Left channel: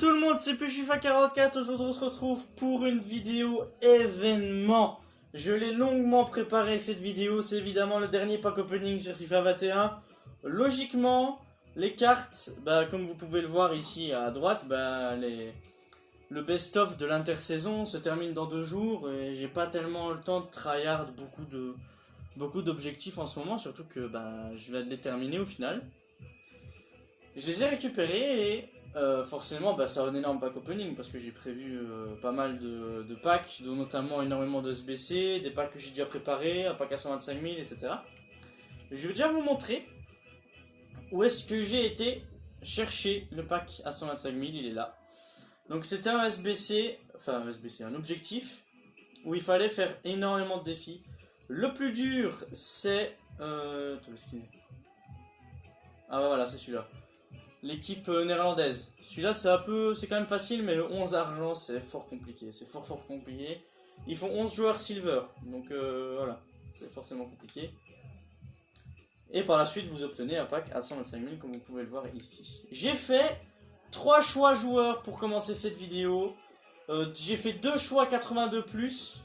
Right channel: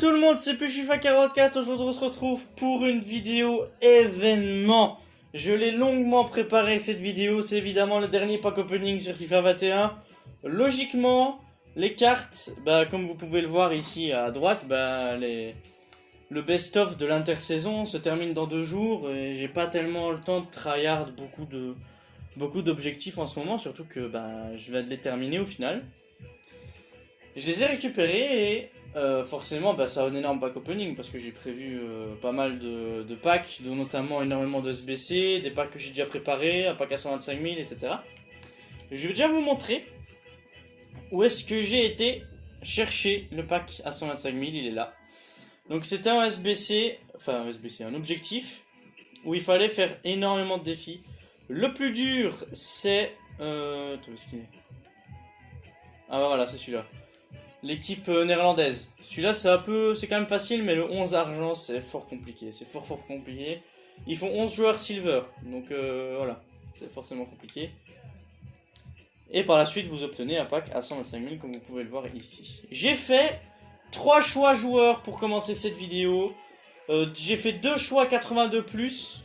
tout le monde, c'est Pushifa44. Aujourd'hui on se retrouve pour une vidéo événement. Je l'ai longuement préparé cette vidéo, c'est évidemment le dernier pack opening sur FIFA 21. Logiquement, les cartes, comme vous pouvez le voir ici à droite, le best-of de l'intersaison se termine dans 2 jours et j'ai pas tellement le temps de tryhard beaucoup d'objectifs en ce moment, surtout que je viens de les terminer au final. Je les ai récupérés et forcément ça a un énorme pack opening parce que j'ai prévu pas mal de packs, dont notamment énormément de SBC, des packs que j'ai déjà préparés, un pack à 125 000, etc. Et je vais déjà vous montrer où est-ce que j'ai été chercher le pack à 125 000, il est là. Donc c'était un SBC, un objectif où il fallait faire énormément de défis. Le plus dur c'est... Attends, où est-ce qu'il est ? Ah voilà, c'est celui-là. L'équipe néerlandaise. Celui-là c'est quand même facile, mais le 11 argent c'est fort compliqué. C'est fort compliqué. Ils font 11 joueurs silver, donc voilà, c'est forcément compliqué. Et par la suite vous obtenez un pack à 125 000 comme vous pouvez le voir ici. J'ai fait 3 choix joueurs pour commencer cette vidéo. J'ai fait 2 choix 82+,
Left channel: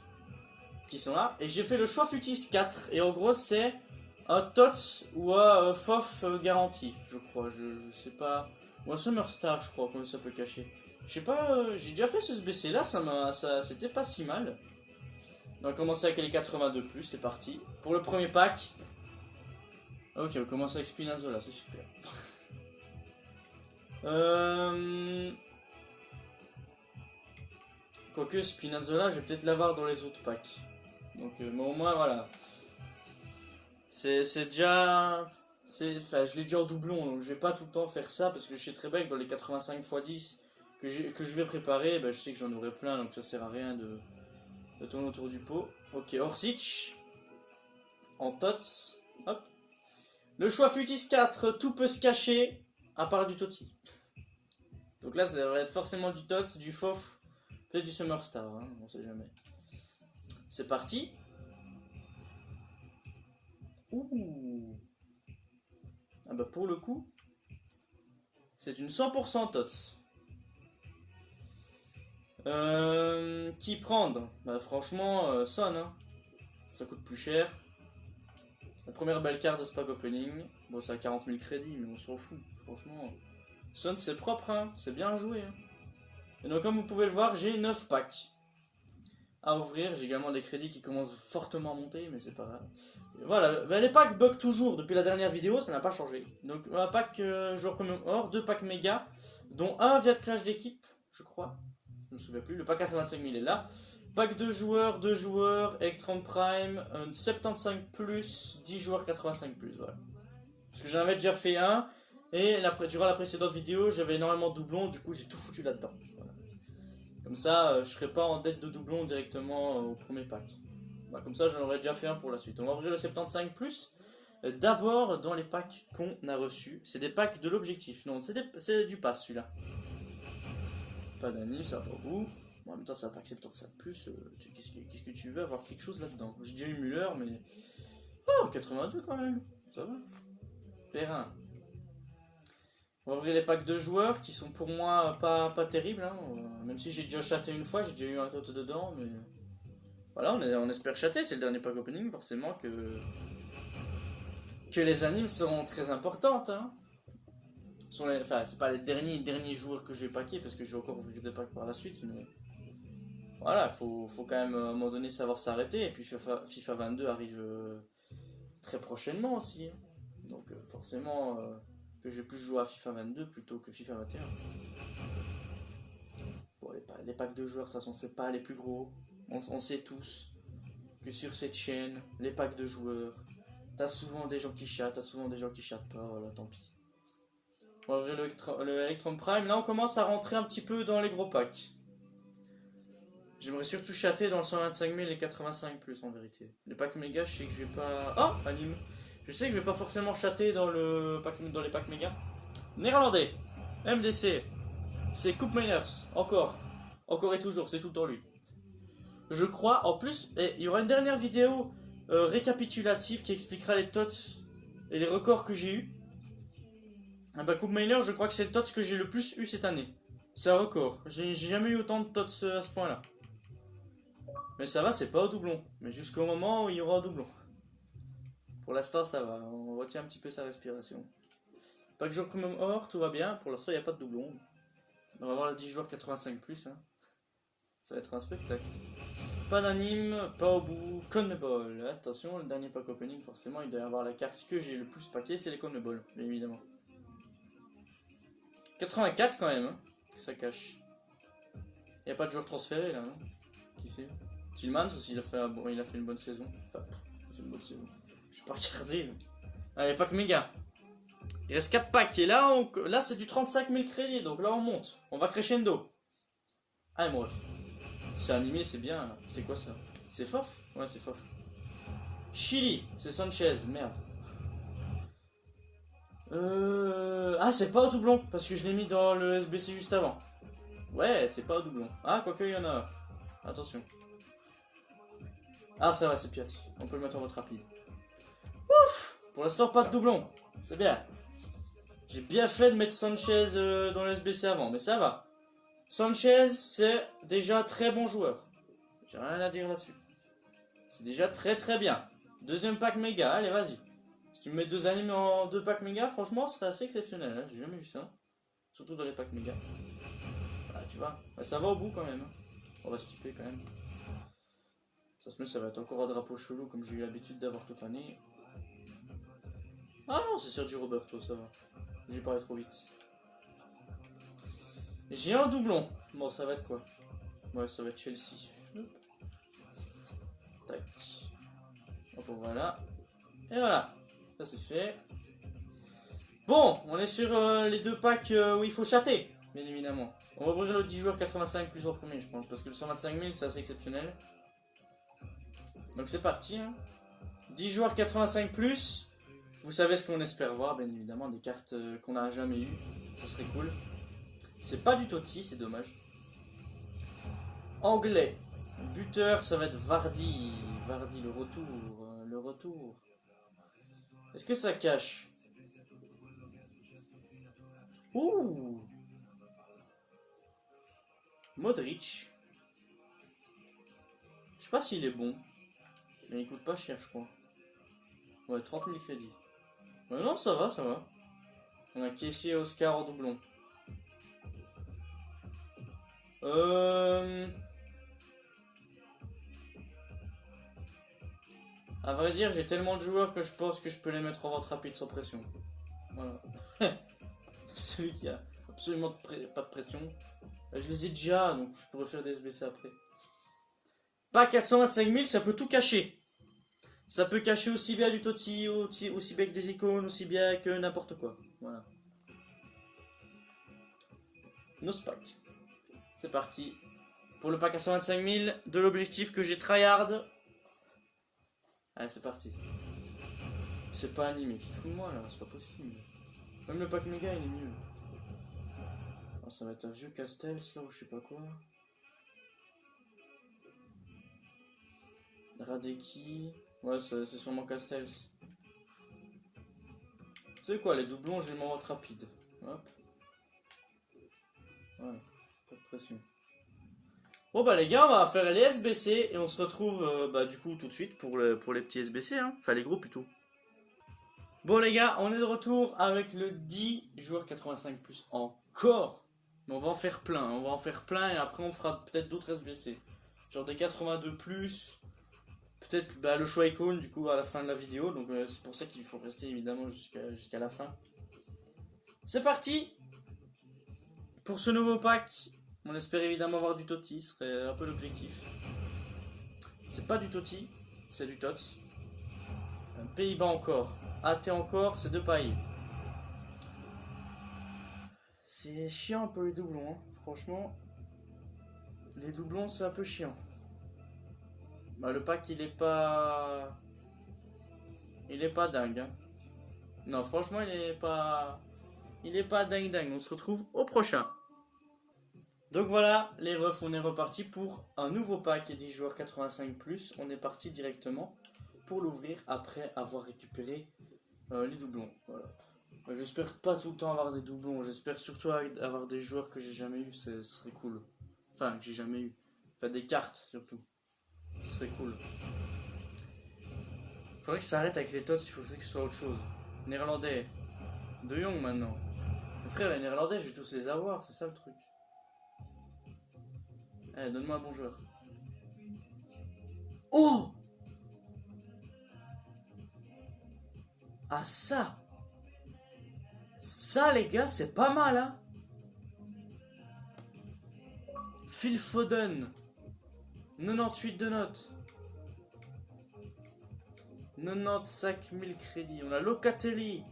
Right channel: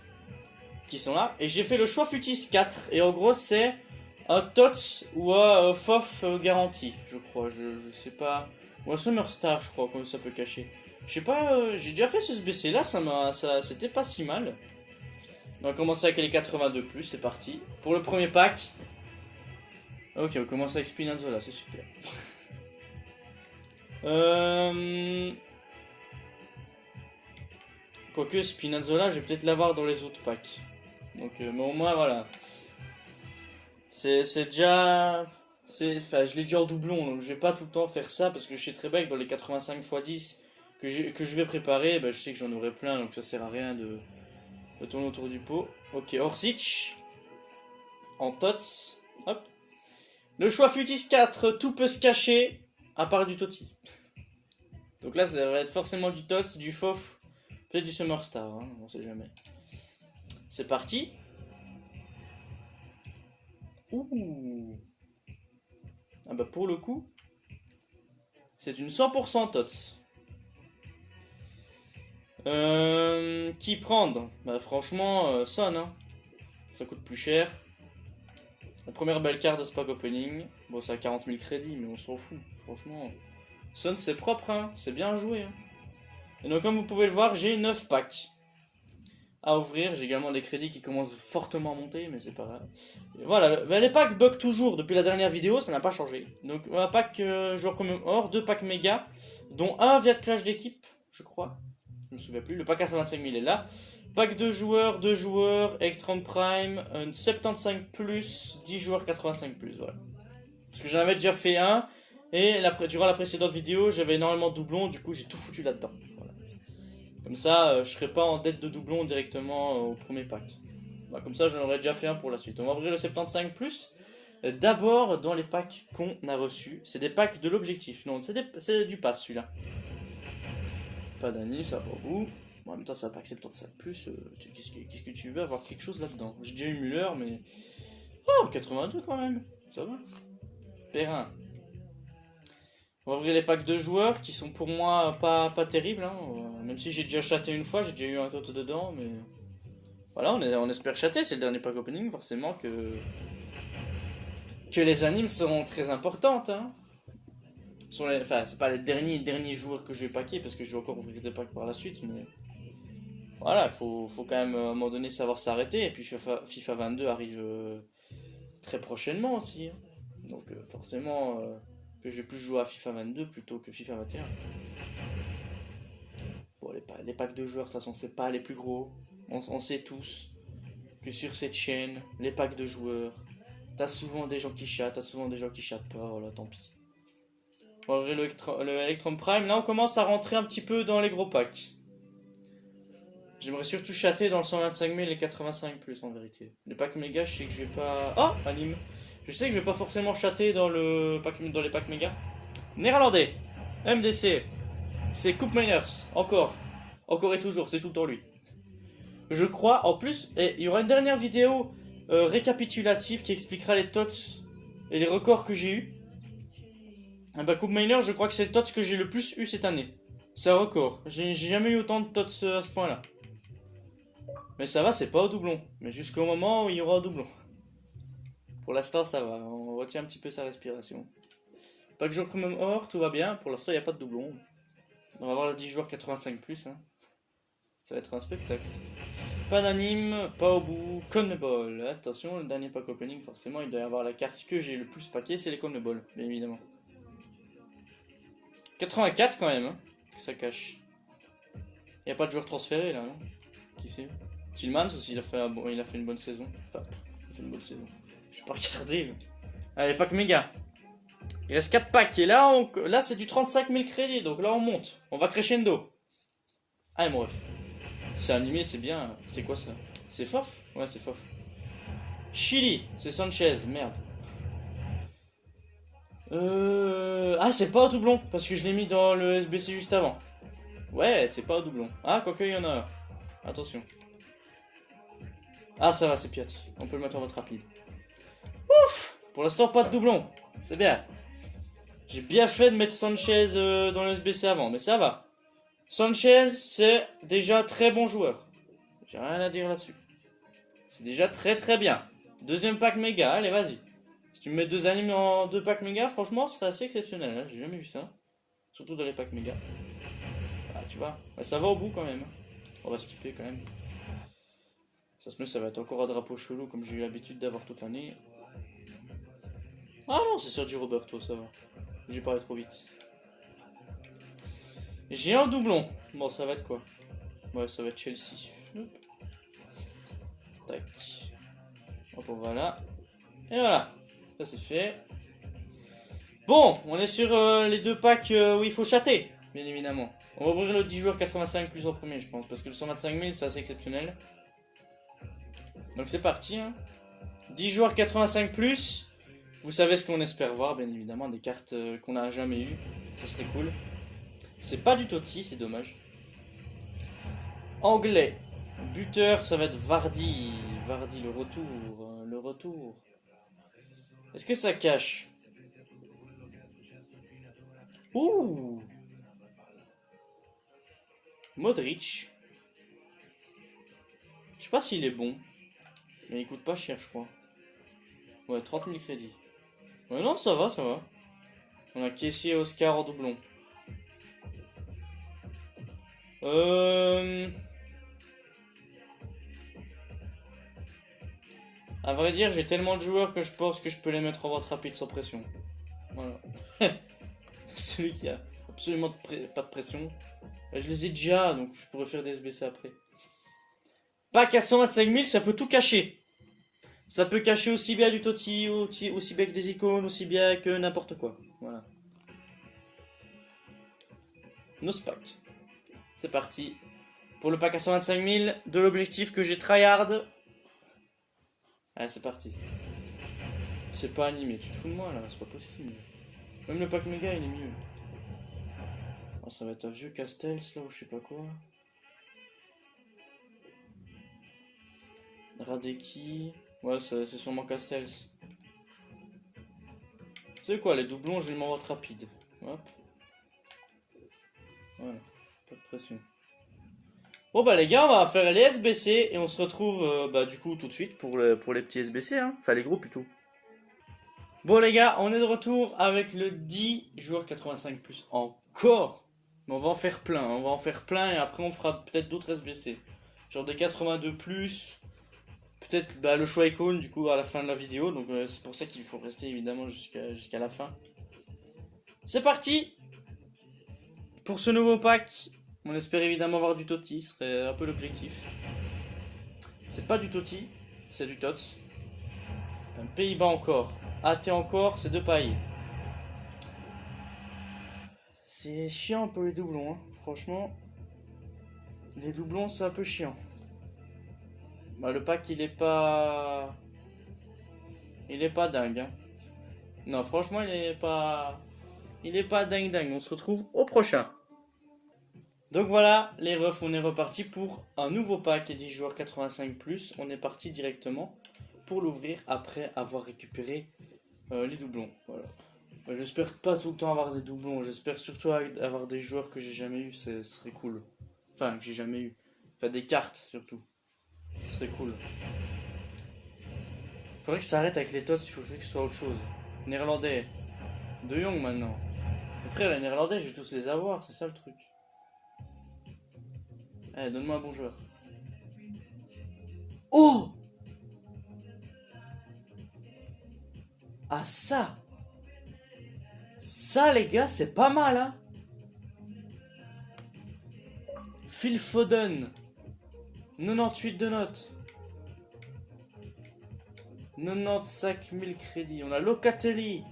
qui sont là. Et j'ai fait le choix Futis 4. Et en gros c'est un TOTS ou un FOF garanti, je crois. Je sais pas. Ou un Summer Star, je crois, comme ça peut cacher. Je sais pas, j'ai déjà fait ce SBC là, c'était pas si mal. On va commencer avec les 82+, c'est parti. Pour le premier pack. Ok, on commence avec Spinazzola, c'est super. Quoique Spinazzola, je vais peut-être l'avoir dans les autres packs. Donc, mais au moins, voilà. C'est déjà... je l'ai déjà en doublon, donc je vais pas tout le temps faire ça, parce que je sais très bien que dans les 85 x 10 que je vais préparer, je sais que j'en aurai plein, donc ça sert à rien de tourner autour du pot. Ok, Orsic. En TOTS. Hop. Le choix Futis 4, tout peut se cacher, à part du Totti. Donc là, ça va être forcément du TOTS, du FOF, peut-être du Summer Star, hein, on sait jamais. C'est parti. Ouh. Ah pour le coup, c'est une 100% TOTS. Qui prendre? Franchement, Son, hein. Ça coûte plus cher. La première belle carte de ce pack opening. Bon, ça a 40 000 crédits, mais on s'en fout. Franchement, Son c'est propre, hein. C'est bien joué. Hein. Et donc, comme vous pouvez le voir, j'ai 9 packs à ouvrir. J'ai également des crédits qui commencent fortement à monter, mais c'est pas grave. Et voilà, les packs bug toujours depuis la dernière vidéo, ça n'a pas changé. Donc, un pack joueur comme or, 2 packs méga, dont un via de clash d'équipe, je crois. Je me souviens plus. Le pack à 125 000 est là. Pack 2 joueurs, Electron Prime, 75+, 10 joueurs 85+, voilà. Parce que j'en avais déjà fait un, et durant la précédente vidéo, j'avais énormément de doublons, du coup j'ai tout foutu là-dedans. Voilà. Comme ça, je serai pas en dette de doublons directement au premier pack. Comme ça, j'en aurais déjà fait un pour la suite. On va ouvrir le 75+. D'abord, dans les packs qu'on a reçus, c'est des packs de l'objectif. Non, c'est du pass celui-là. Pas d'année, ça va pour vous. Bon, en même temps, ça va pas accepter 75+. Qu'est-ce que tu veux avoir quelque chose là-dedans? J'ai déjà eu Müller, mais... Oh, 82 quand même. Ça va. Perrin. On va ouvrir les packs de joueurs qui sont pour moi pas terribles. Hein. Même si j'ai déjà chaté une fois, j'ai déjà eu un tot dedans, mais... Voilà, on espère chater. C'est le dernier pack opening, forcément que les animes seront très importantes. Hein. C'est pas les derniers joueurs que je vais packer, parce que je vais encore ouvrir des packs par la suite, mais... Voilà, faut quand même à un moment donné savoir s'arrêter. Et puis FIFA 22 arrive très prochainement aussi. Hein. Donc forcément que je vais plus jouer à FIFA 22 plutôt que FIFA 21. Bon, les packs de joueurs, de toute façon, c'est pas les plus gros. On sait tous que sur cette chaîne, les packs de joueurs, t'as souvent des gens qui chatent, pas, voilà, tant pis. On va ouvrir le Electron Prime. Là, on commence à rentrer un petit peu dans les gros packs. J'aimerais surtout chatter dans le 125 000 et 85+, en vérité. Les packs méga, je sais que je vais pas... Oh, anime. Je sais que je vais pas forcément chatter dans les packs méga. Néerlandais. MDC. C'est Coupe Miners. Encore et toujours, c'est tout le temps lui. Je crois, en plus, il y aura une dernière vidéo récapitulative qui expliquera les TOTS et les records que j'ai eu. Coupe Miner, je crois que c'est le TOTS que j'ai le plus eu cette année. C'est un record. J'ai jamais eu autant de tots à ce point-là. Mais ça va, c'est pas au doublon. Mais jusqu'au moment où il y aura un doublon. Pour l'instant, ça va. On retient un petit peu sa respiration. Pas que jour premium or, tout va bien. Pour l'instant, il n'y a pas de doublon. On va avoir le 10 joueurs 85+. Hein. Ça va être un spectacle. Pas d'anime, pas au bout. Conmebol. Attention, le dernier pack opening, forcément, il doit y avoir la carte que j'ai le plus paquet, c'est les Conmebol, bien évidemment. 84 quand même, hein, que ça cache. Il n'y a pas de joueur transféré là, non? Qui c'est? Tillmans aussi, il a fait une bonne saison. Enfin, il a fait une bonne saison. Je vais pas regarder. Mais... Allez, pack méga. Il reste 4 packs. Et là, là c'est du 35 000 crédits. Donc là, on monte. On va crescendo. Ah, mon ref. C'est animé, c'est bien. C'est quoi ça? C'est Fof? Ouais, c'est Fof. Chili, c'est Sanchez. Merde. Ah, c'est pas au doublon. Parce que je l'ai mis dans le SBC juste avant. Ouais, c'est pas au doublon. Ah, quoique, il y en a un. Attention. Ah, ça va, c'est Piatti. On peut le mettre en vote rapide. Ouf! Pour l'instant, pas de doublon. C'est bien. J'ai bien fait de mettre Sanchez dans le SBC avant, mais ça va. Sanchez, c'est déjà très bon joueur. J'ai rien à dire là-dessus. C'est déjà très très bien. Deuxième pack méga, allez, vas-y. Si tu me mets 2 animes en 2 packs méga, franchement, ce serait assez exceptionnel. Hein. J'ai jamais vu ça. Surtout dans les packs méga. Ah, tu vois. Ouais, ça va au bout quand même. On va skipper quand même. Ça se met, ça va être encore un drapeau chelou comme j'ai eu l'habitude d'avoir toute l'année. Ah non, c'est Sergio Roberto, ça va. J'ai parlé trop vite. J'ai un doublon. Bon, ça va être quoi? Ouais, ça va être Chelsea. Hop. Tac. Hop, voilà. Et voilà. Ça, c'est fait. Bon, on est sur les 2 packs où il faut chatter, bien évidemment. On va ouvrir le 10 joueurs 85+ en premier, je pense. Parce que le 125 000, c'est assez exceptionnel. Donc, c'est parti. Hein. 10 joueurs 85+. Vous savez ce qu'on espère voir, bien évidemment. Des cartes qu'on n'a jamais eues. Ça serait cool. C'est pas du Totti, c'est dommage. Anglais. Buteur, ça va être Vardy. Vardy, le retour. Le retour. Est-ce que ça cache? Ouh! Modric. Je sais pas s'il est bon. Mais il coûte pas cher, je crois. Ouais, 30 000 crédits. Ouais, non, ça va, ça va. On a Kessie et Oscar en doublon. À vrai dire, j'ai tellement de joueurs que je pense que je peux les mettre en vente rapide sans pression. Voilà. Celui qui a absolument pas de pression. Je les ai déjà, donc je pourrais faire des SBC après. Pack à 125 000, ça peut tout cacher. Ça peut cacher aussi bien du Totti, aussi bien que des icônes, aussi bien que n'importe quoi. Voilà. No spike. C'est parti. Pour le pack à 125 000, de l'objectif que j'ai tryhard. Allez, c'est parti. C'est pas animé, tu te fous de moi là, c'est pas possible. Même le pack méga il est mieux. Oh, ça va être un vieux Castells là ou je sais pas quoi. Radeki. Ouais, c'est sûrement Castells. Tu sais quoi, les doublons, je les m'en rapide. Hop. Voilà, pas de pression. Bon bah les gars, on va faire les SBC et on se retrouve bah, du coup tout de suite pour les petits SBC, hein. Enfin les gros plutôt. Bon les gars, on est de retour avec le 10 joueurs 85+. Encore. Mais on va en faire plein, on va en faire plein et après on fera peut-être d'autres SBC. Genre des 82+. Peut-être bah, le choix icône du coup à la fin de la vidéo. Donc c'est pour ça qu'il faut rester évidemment jusqu'à la fin. C'est parti pour ce nouveau pack. On espère évidemment avoir du Totti, ce serait un peu l'objectif. C'est pas du Totti, c'est du Tots. Un Pays-Bas encore. AT encore, c'est 2 pailles. C'est chiant pour les doublons, hein. Franchement. Les doublons, c'est un peu chiant. Bah, le pack, il est pas... Il est pas dingue, hein. Non, franchement, il est pas... Il est pas dingue. On se retrouve au prochain. Donc voilà, les refs, on est reparti pour un nouveau pack 10 joueurs 85+. On est parti directement pour l'ouvrir après avoir récupéré les doublons. Voilà. Bah, j'espère pas tout le temps avoir des doublons. J'espère surtout avoir des joueurs que j'ai jamais eu. Ce serait cool. Enfin, que j'ai jamais eu. Enfin, des cartes surtout. Ce serait cool. Faudrait que ça arrête avec les tots. Il faudrait que ce soit autre chose. Néerlandais. De Jong maintenant. Mon frère, les Néerlandais, je vais tous les avoir. C'est ça le truc. Allez, donne-moi un bon joueur. Oh! Ah, ça! Ça, les gars, c'est pas mal, hein? Phil Foden. 98 de notes. 95 000 crédits. On a Locatelli.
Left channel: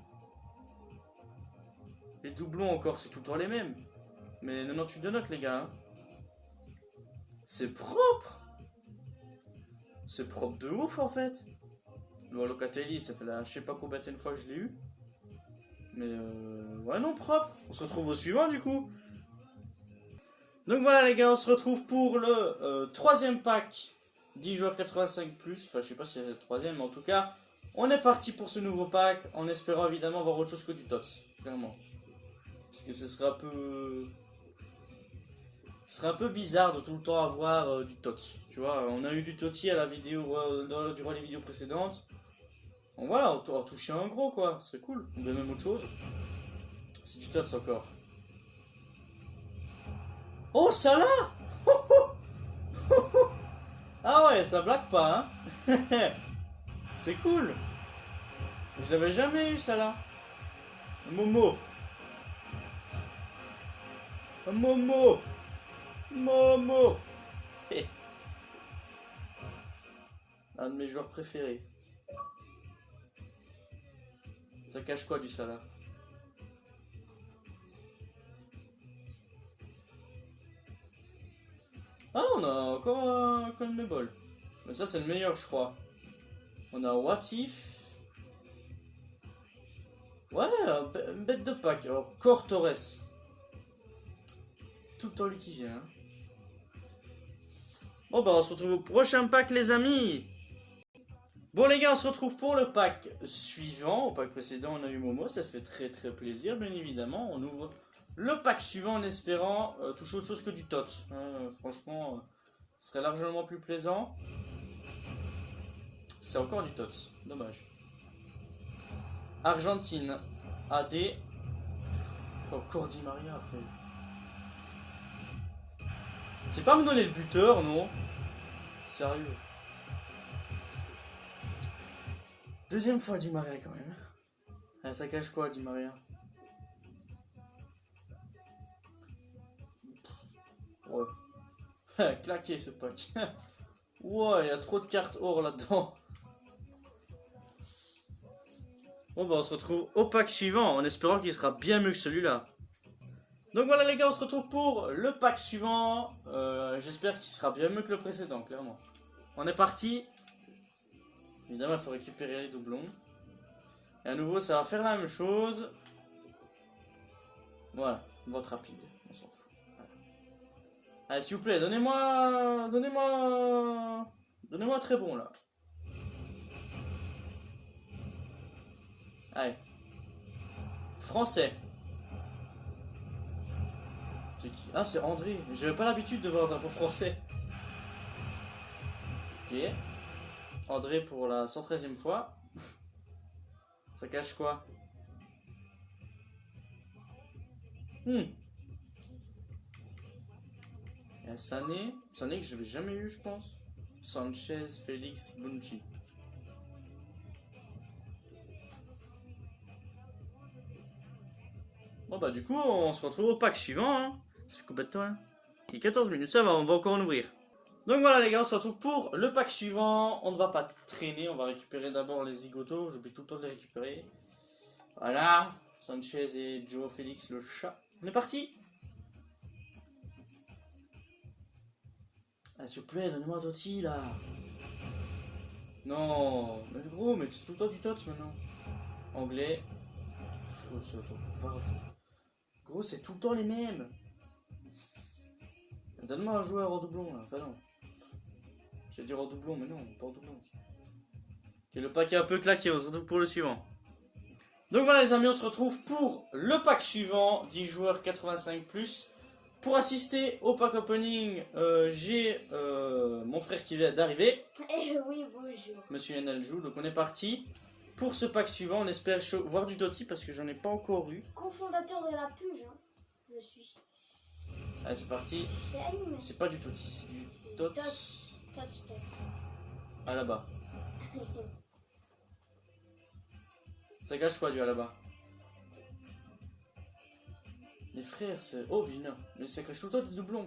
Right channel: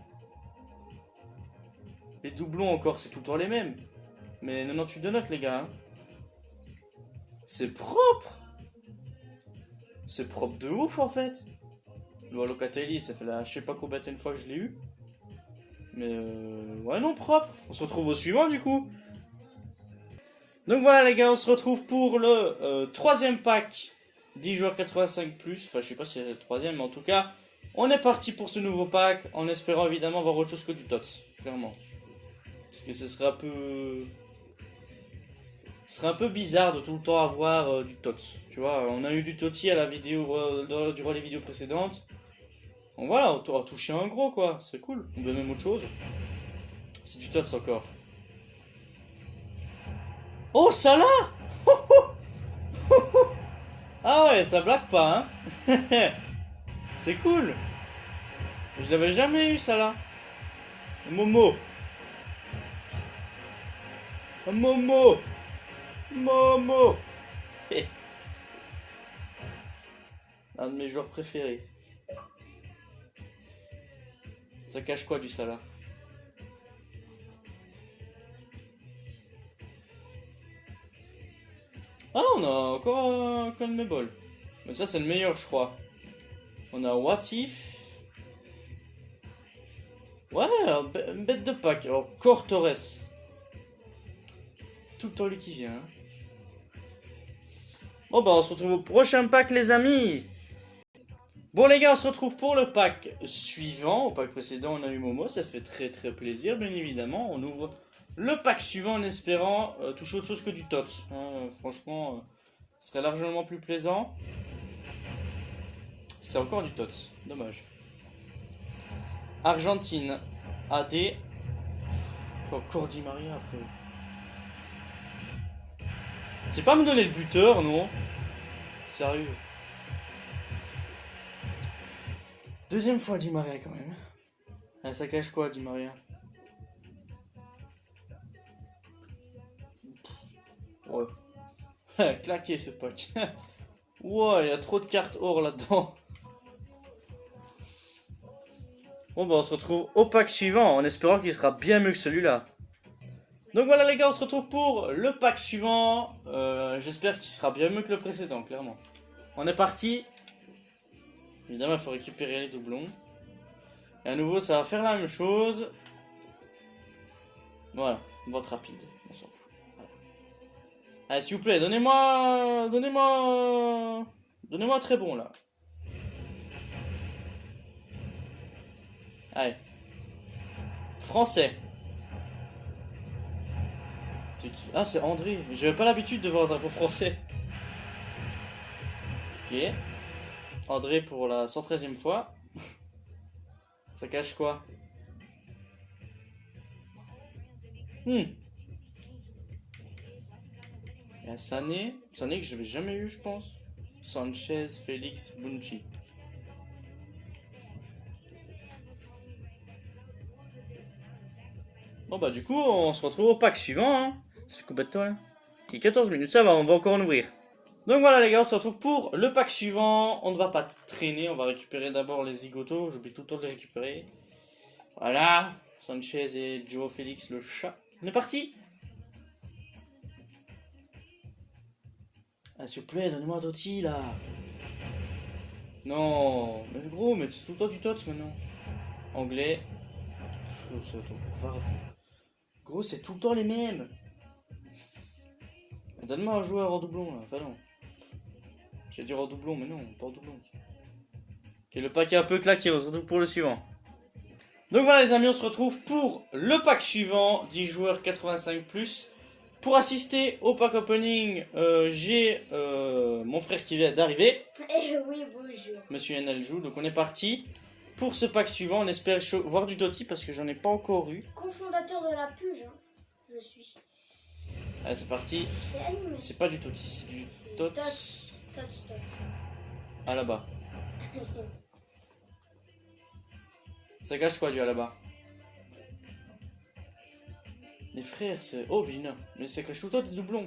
Les doublons encore, c'est tout le temps les mêmes. Mais 98 de notes, les gars. Hein. C'est propre. C'est propre de ouf, en fait. Le Locatelli, ça fait la je sais pas combien de fois que je l'ai eu. Mais ouais, non, propre. On se retrouve au suivant, du coup. Donc voilà, les gars, on se retrouve pour le troisième pack 10 joueurs 85+. Enfin, je sais pas si c'est le troisième, mais en tout cas, on est parti pour ce nouveau pack en espérant évidemment avoir autre chose que du TOTS. Clairement. Parce que ce serait un peu. Ce serait un peu bizarre de tout le temps avoir du TOTS. Tu vois, on a eu du TOTI à la vidéo, durant les vidéos précédentes. Bon voilà, on va toucher un gros quoi, c'est cool. On veut même autre chose. C'est du TOTS encore. Oh, Salah. Ah ouais, ça blague pas, hein. C'est cool. Je l'avais jamais eu, Salah. Momo. Momo. Momo. Un de mes joueurs préférés. Ça cache quoi du Salah? Ah, on a encore un Conmebol. Mais ça, c'est le meilleur, je crois. On a What If. Ouais, une bête de pack. Alors, Cor Torres. Tout le temps lui qui vient. Hein. Bon, bah, on se retrouve au prochain pack, les amis. Bon, les gars, on se retrouve pour le pack suivant. Au pack précédent, on a eu Momo. Ça fait très très plaisir, bien évidemment. On ouvre le pack suivant en espérant toucher autre chose que du TOTS. Hein, franchement, ce serait largement plus plaisant. C'est encore du TOTS. Dommage. Argentine. AD. Encore Di Maria, frérot. C'est pas me donner le buteur, non? Sérieux. Deuxième fois Di Maria, quand même. Ah, ça cache quoi, Di Maria? Ouais. Claqué ce pack. Ouais, il y a trop de cartes or là-dedans. Bon bah on se retrouve au pack suivant en espérant qu'il sera bien mieux que celui-là. Donc voilà les gars, on se retrouve pour le pack suivant. J'espère qu'il sera bien mieux que le précédent, clairement. On est parti. Évidemment il faut récupérer les doublons. Et à nouveau ça va faire la même chose. Voilà, vote rapide, on s'en fout. Voilà. Allez s'il vous plaît, donnez-moi un très bon là. Allez. Français. C'est qui? Ah, c'est André. J'avais pas l'habitude de voir un drapeau français. Ok. André pour la 113e fois. Ça cache quoi? Il y a Sané. Sané que je n'avais jamais eu, je pense. Sanchez, Félix, Bunchi. Bon bah du coup on se retrouve au pack suivant hein. Ça fait combien de temps là? Il y a 14 minutes, ça va, on va encore en ouvrir. Donc voilà les gars, on se retrouve pour le pack suivant. On ne va pas traîner, on va récupérer d'abord les zigotos. J'oublie tout le temps de les récupérer. Voilà, Sanchez et Joe Félix le chat. On est parti. Ah s'il vous plaît, donne-moi un Totti là. Non, mais gros, mais c'est tout le temps du TOTS maintenant. Anglais. Oh, c'est encore gros, c'est tout le temps les mêmes. Donne-moi un joueur en doublon là, enfin non. J'ai dit en doublon, mais non, pas en doublon. Ok, le pack est un peu claqué, on se retrouve pour le suivant. Donc voilà les amis, on se retrouve pour le pack suivant, 10 joueurs 85+. Pour assister au pack opening, j'ai mon frère qui vient d'arriver. Eh oui, bonjour. Monsieur Yenal joue, donc on est parti. Pour ce pack suivant, on espère voir du Totti parce que j'en ai pas encore eu. Cofondateur de la Puge, hein. Je suis. Allez, c'est parti. C'est animé. C'est pas du Totti, c'est du Tots. Tots. Ah là-bas. Ça cache quoi du à là-bas? Les frères, c'est... Oh, Vina. Mais ça cache tout le temps des doublons.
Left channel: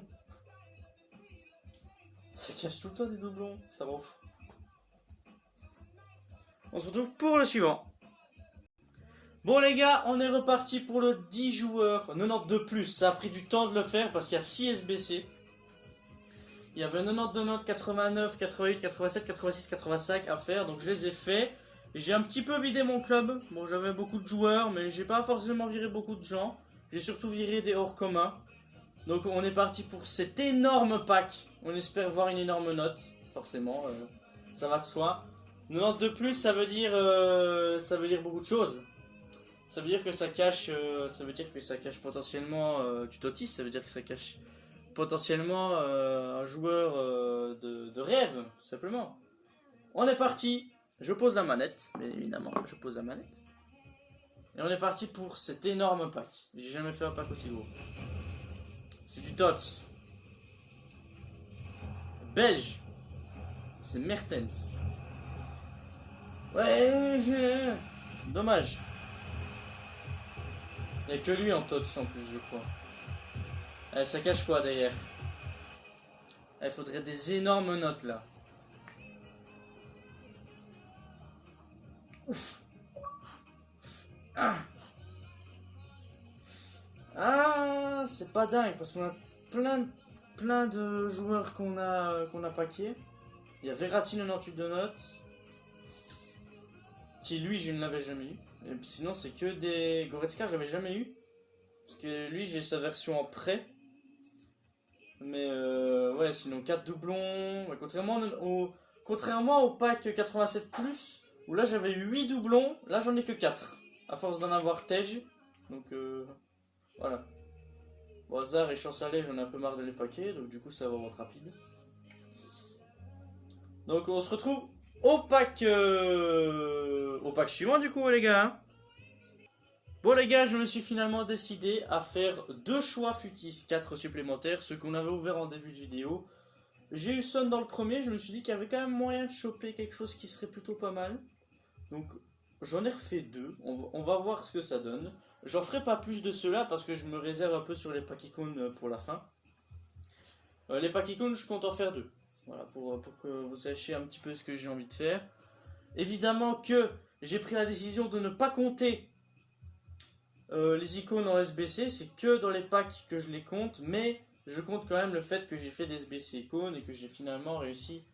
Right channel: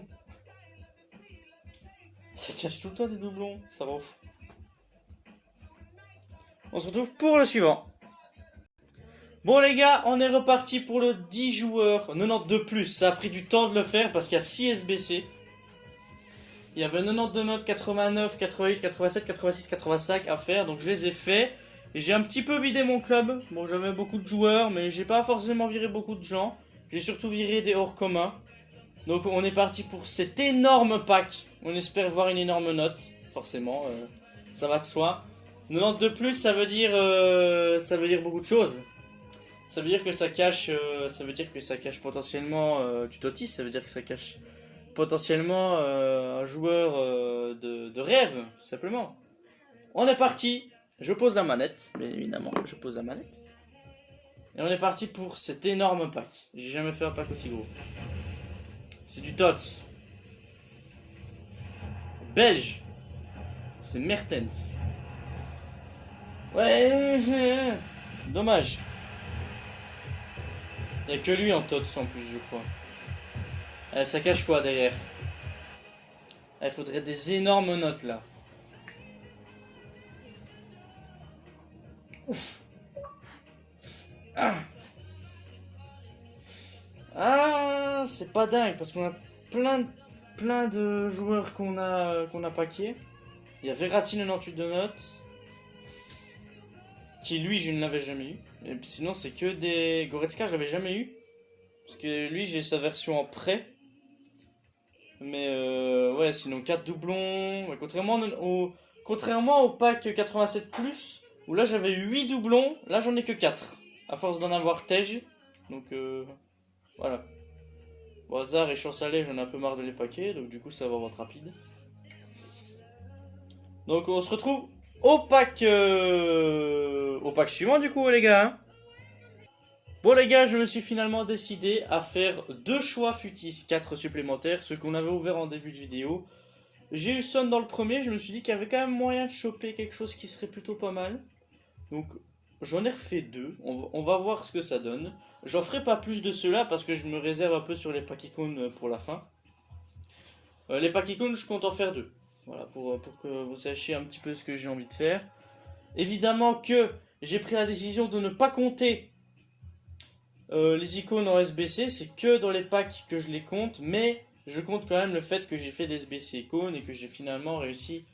Ça cache tout le temps des doublons. Ça rend fou. On se retrouve pour le suivant. Bon les gars, on est reparti pour le 10 joueurs 92+. Ça a pris du temps de le faire parce qu'il y a 6 SBC. Il y avait 92 notes, 89, 88, 87, 86, 85 à faire. Donc je les ai faits. J'ai un petit peu vidé mon club. Bon, j'avais beaucoup de joueurs, mais j'ai pas forcément viré beaucoup de gens. J'ai surtout viré des hors communs. Donc on est parti pour cet énorme pack. On espère voir une énorme note. Forcément, ça va de soi. 92+, ça veut dire beaucoup de choses. Ça veut dire que ça cache, potentiellement du Totti. Ça veut dire que ça cache potentiellement un joueur de rêve, tout simplement. On est parti. Je pose la manette, bien évidemment. Je pose la manette. Et on est parti pour cet énorme pack. J'ai jamais fait un pack aussi gros. C'est du Tots. Belge. C'est Mertens. Ouais. Dommage. Il n'y a que lui en Tots en plus, je crois. Ça cache quoi derrière? Il faudrait des énormes notes là. Ouf. Ah, c'est pas dingue parce qu'on a plein de joueurs qu'on a paqués. Il y a Verratti 98 de notes. Qui lui je ne l'avais jamais eu. Et puis sinon c'est que des... Goretzka je l'avais jamais eu. Parce que lui j'ai sa version en prêt. Mais ouais sinon 4 doublons. Ouais, contrairement au pack 87+, où là j'avais eu 8 doublons, là j'en ai que 4. À force d'en avoir Tej. Donc voilà. Au hasard et chance aller, j'en ai un peu marre de les paquets, donc du coup ça va être rapide. Donc on se retrouve au pack suivant du coup les gars. Hein. Bon les gars, je me suis finalement décidé à faire 2 choix futis, 4 supplémentaires, ceux qu'on avait ouverts en début de vidéo. J'ai eu Son dans le premier, je me suis dit qu'il y avait quand même moyen de choper quelque chose qui serait plutôt pas mal. Donc j'en ai refait 2, on va voir ce que ça donne. J'en ferai pas plus de ceux-là parce que je me réserve un peu sur les pack icônes pour la fin. Les pack icônes, je compte en faire 2. Voilà, pour que vous sachiez un petit peu ce que j'ai envie de faire. Évidemment que j'ai pris la décision de ne pas compter les icônes en SBC. C'est que dans les packs que je les compte. Mais je compte quand même le fait que j'ai fait des SBC icônes et que j'ai finalement réussi